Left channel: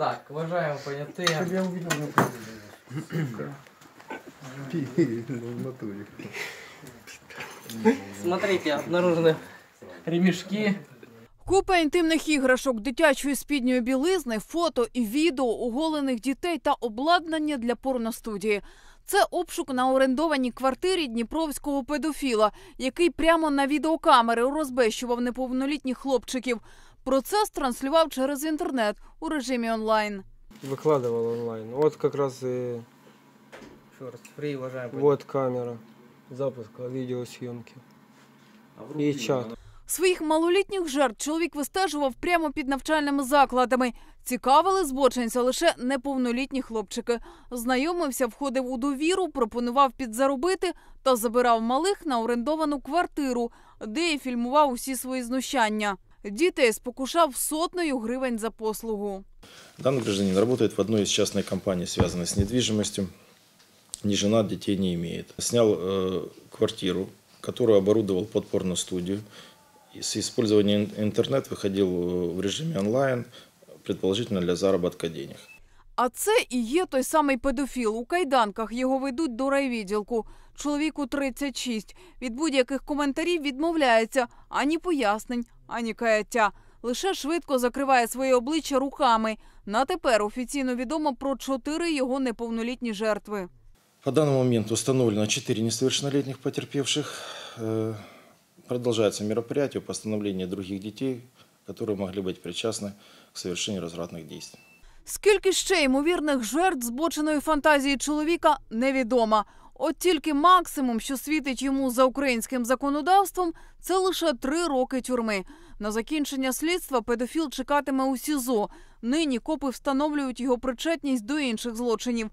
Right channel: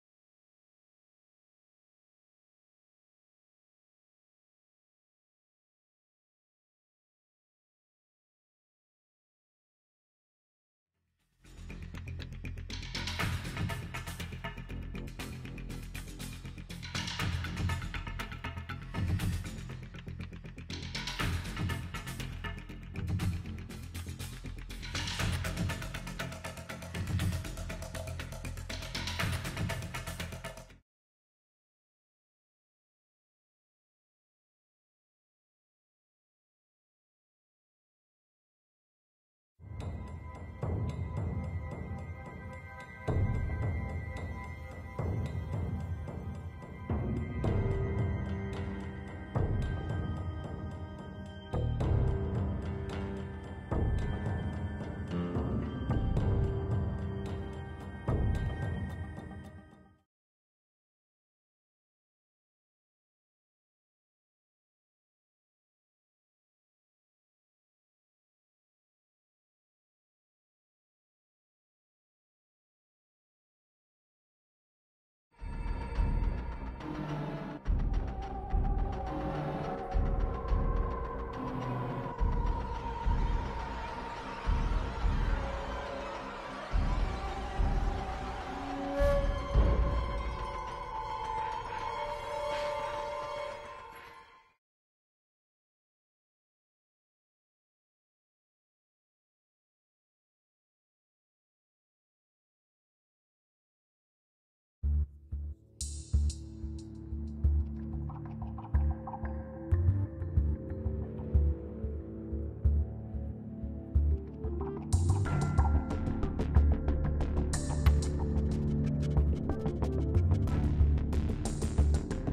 Так, уважаємо поняти. Чтобы я увидел на. Ну. Смотрите, обнаружены ремешки. Купа інтимних іграшок, дитячої спідньої білизни, фото і відео оголених дітей та обладнання для порностудії. Це обшук на орендованій квартирі дніпровського педофіла, який прямо на відеокамери розбещував неповнолітніх хлопчиків. Процес транслював через інтернет у режимі онлайн. Выкладывал онлайн. Вот как раз и Шорт, фри, уважаємо вот камера запуска видеосъемки. И чат. Своїх малолітніх жертв чоловік вистежував прямо під навчальними закладами. Цікавили збочинця лише неповнолітні хлопчики. Знайомився, входив у довіру, пропонував підзаробити та забирав малих на орендовану квартиру, де і фільмував усі свої знущання. Дітей спокушав сотнею гривень за послугу. Данный гражданин работает в одной из частных компаний, связанной с недвижимостью. Не женат, детей не имеет. Снял э, квартиру, которую оборудовал под порностудию. И с использованием ин- интернет выходил э, в режиме онлайн, предположительно для заработка денег. А це і є той самий педофіл. У кайданках його ведуть до райвідділку. Чоловіку 36. Від будь-яких коментарів відмовляється ані пояснень, ані каяття. Лише швидко закриває своє обличчя руками. На тепер офіційно відомо про чотири його неповнолітні жертви. По данному моменту установлено 4 несовершеннолетних потерпевших. Э, Продолжается мероприятие по остановлению других детей, которые могли быть причастны к совершению развратных действий. Скільки ще ймовірних жертв збоченої фантазії чоловіка невідомо. От тільки максимум, що світить йому за українським законодавством, це лише три роки тюрми. На закінчення слідства педофіл чекатиме у СІЗО. Нині копи встановлюють його причетність до інших злочинів.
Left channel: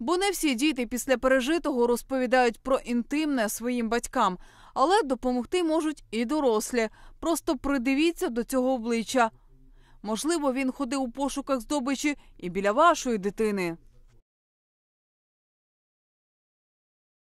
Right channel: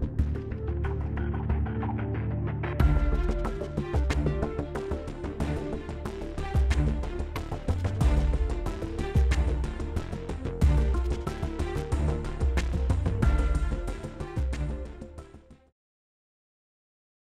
Бо не всі діти після пережитого розповідають про інтимне своїм батькам, але допомогти можуть і дорослі. Просто придивіться до цього обличчя. Можливо, він ходив у пошуках здобичі і біля вашої дитини.